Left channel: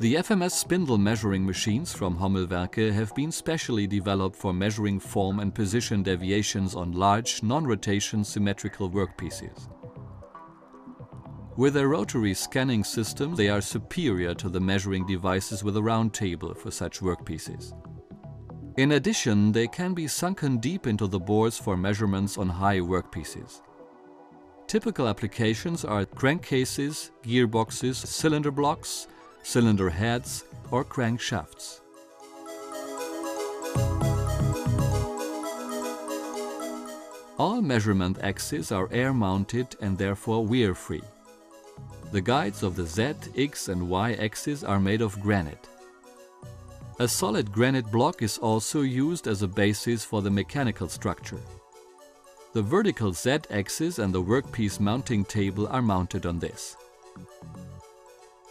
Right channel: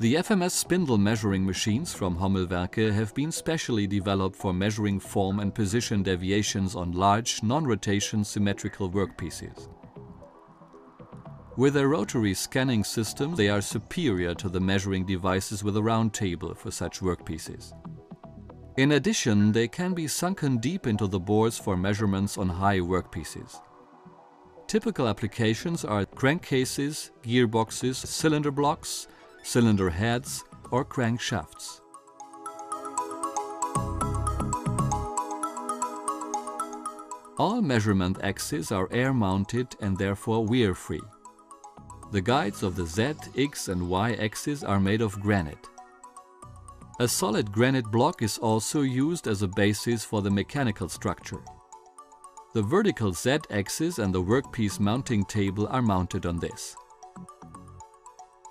The FMS spindle measuring machines from Hommelwerke have been specially developed for measuring form and position deviations on large, non-rotation symmetrical workpieces. With their rotary scanning system, they are superior to the measuring devices with a round table for such workpieces. In addition, they can be sunken deep into the bores for measurements on high workpieces. Typical applications are crankcases, gearboxes, cylinder blocks, cylinder heads or crankshafts. All measurement axes are air-mounted and therefore wear-free. The guides of the Z, X and Y axis are made of granite. A solid granite block is also used as a basis for the mechanical structure. The vertical Z-axis and the workpiece mounting table are mounted on this.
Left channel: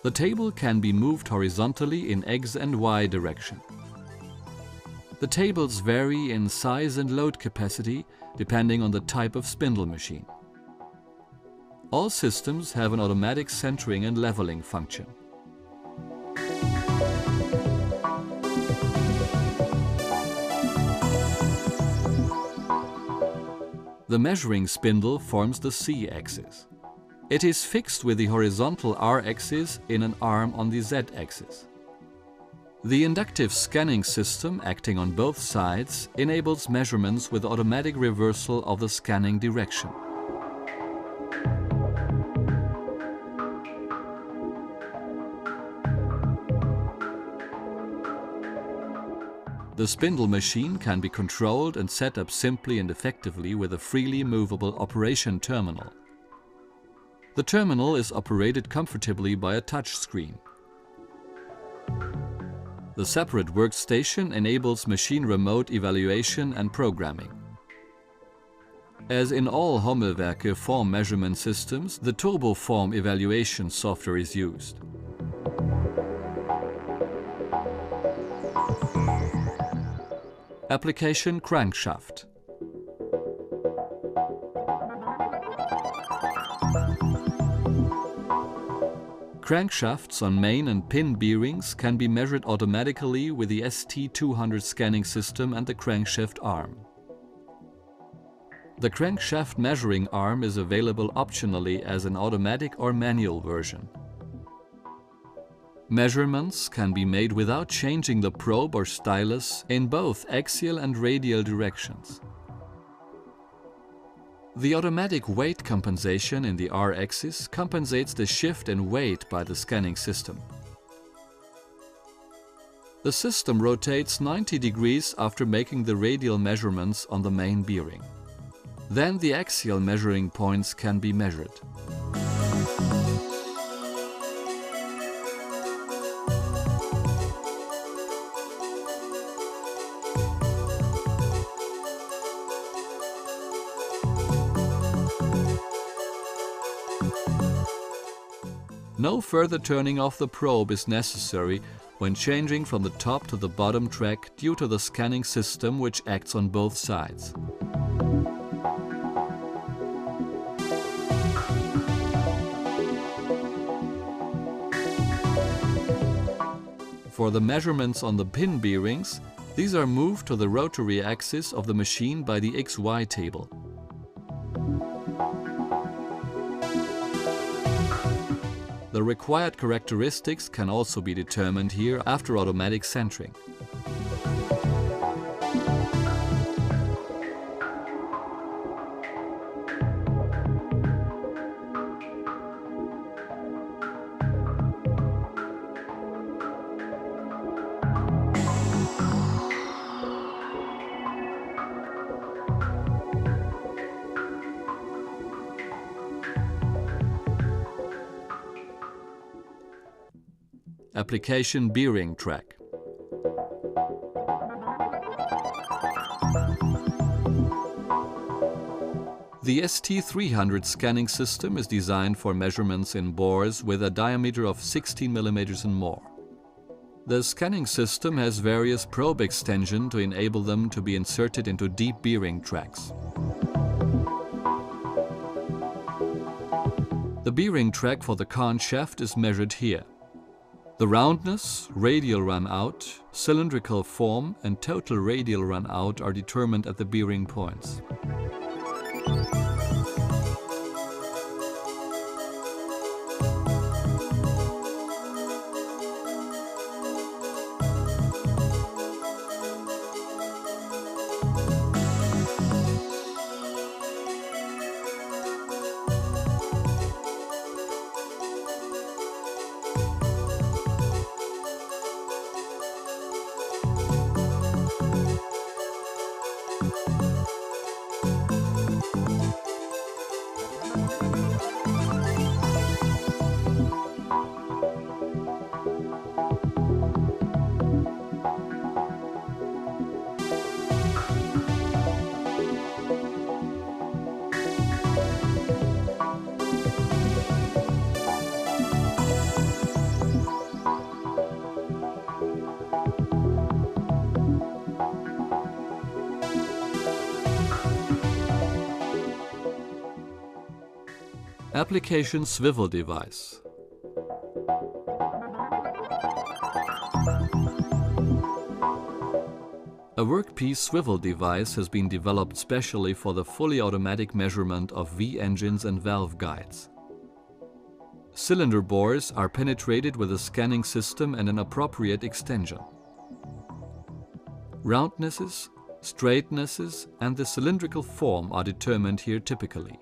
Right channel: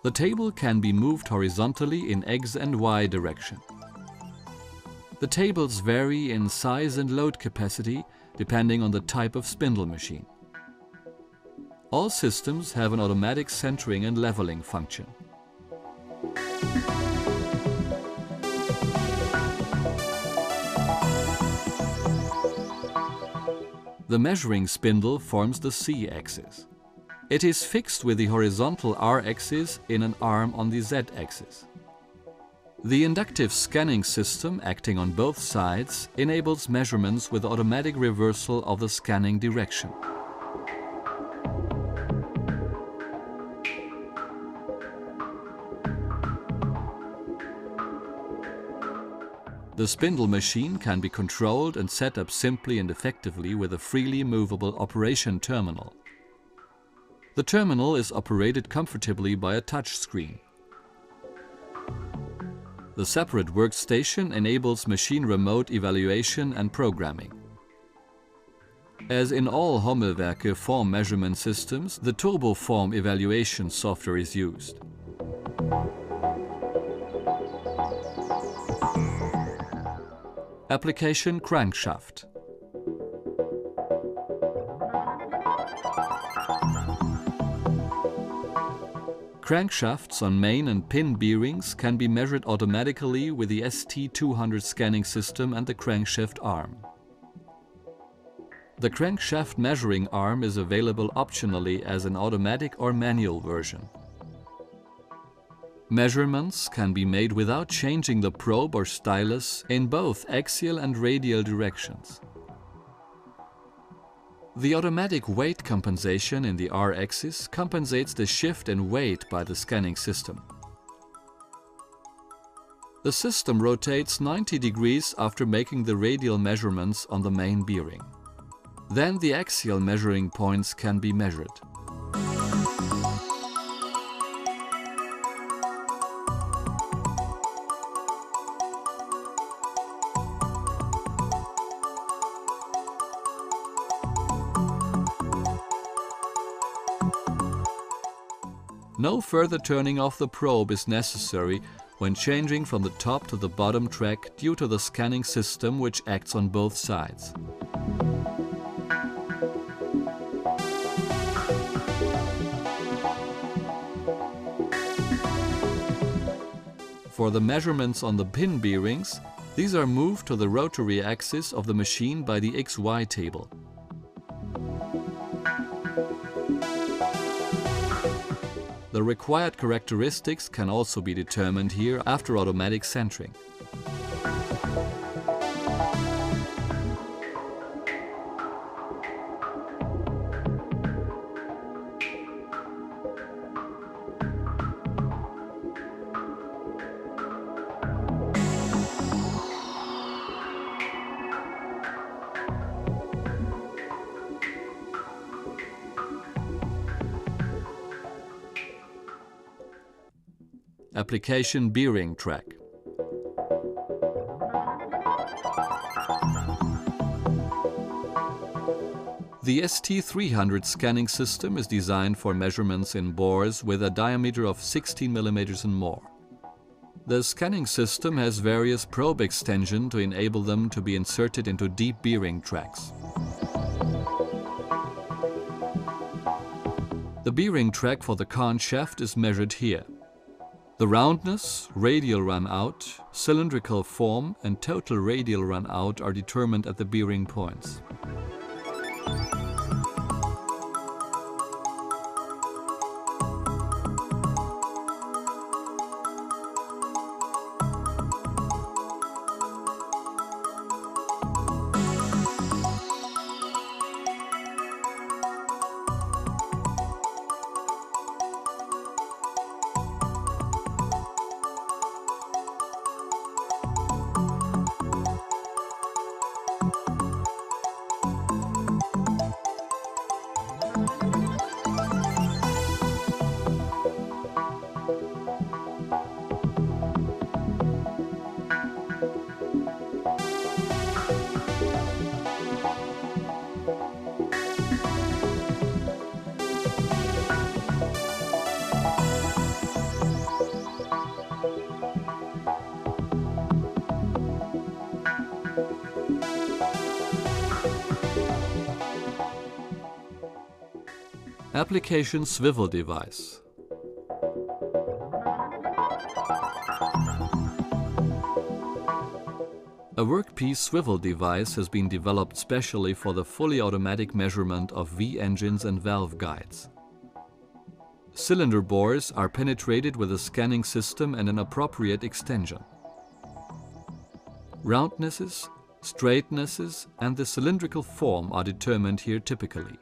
The table can be moved horizontally in X and Y direction. The tables vary in size and load capacity depending on the type of spindle machine. All systems have an automatic centering and leveling function. The measuring spindle forms the C-axis. It is fixed with the horizontal R-axis in an arm on the Z-axis. The inductive scanning system, acting on both sides, enables measurements with automatic reversal of the scanning direction. The spindle machine can be controlled and set up simply and effectively with a freely movable operation terminal. The terminal is operated comfortably by a touch screen. The separate workstation enables machine remote evaluation and programming. As in all Hommelwerke form measurement systems, the turbo form evaluation software is used. Application crankshaft. Crankshafts on main and pin bearings can be measured automatically with the ST200 scanning system and the crankshaft arm. The crankshaft measuring arm is available optionally as an automatic or manual version. Measurements can be made without changing the probe or stylus in both axial and radial directions. The automatic weight compensation in the R-axis compensates the shift in weight by the scanning system. The system rotates 90 degrees after making the radial measurements on the main bearing. Then the axial measuring points can be measured. No further turning off the probe is necessary when changing from the top to the bottom track due to the scanning system which acts on both sides. For the measurements on the pin bearings, these are moved to the rotary axis of the machine by the XY table. The required characteristics can also be determined here after automatic centering. Application bearing track. The ST300 scanning system is designed for measurements in bores with a diameter of 16 mm and more. The scanning system has various probe extensions to enable them to be inserted into deep bearing tracks. The bearing track for the crankshaft is measured here. The roundness, radial run-out, cylindrical form and total radial run-out are determined at the bearing points. Application swivel device. A workpiece swivel device has been developed specially for the fully automatic measurement of V-engines and valve guides. Cylinder bores are penetrated with a scanning system and an appropriate extension. Roundnesses, straightnesses and the cylindrical form are determined here typically.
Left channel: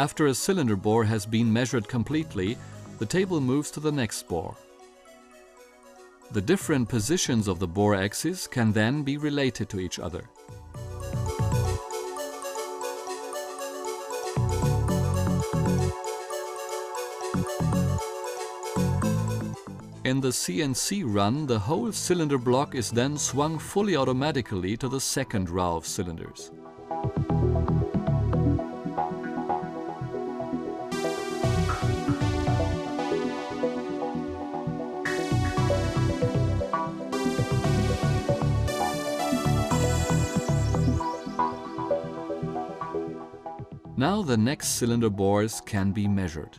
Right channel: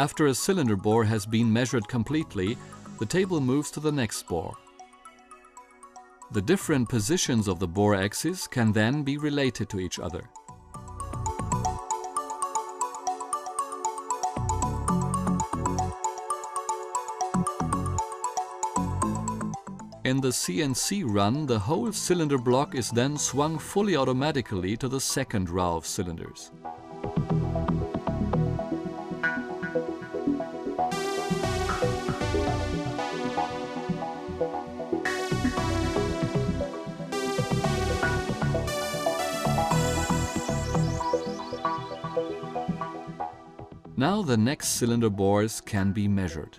After a cylinder bore has been measured completely, the table moves to the next bore. The different positions of the bore axes can then be related to each other. In the CNC run, the whole cylinder block is then swung fully automatically to the second row of cylinders. Now the next cylinder bores can be measured.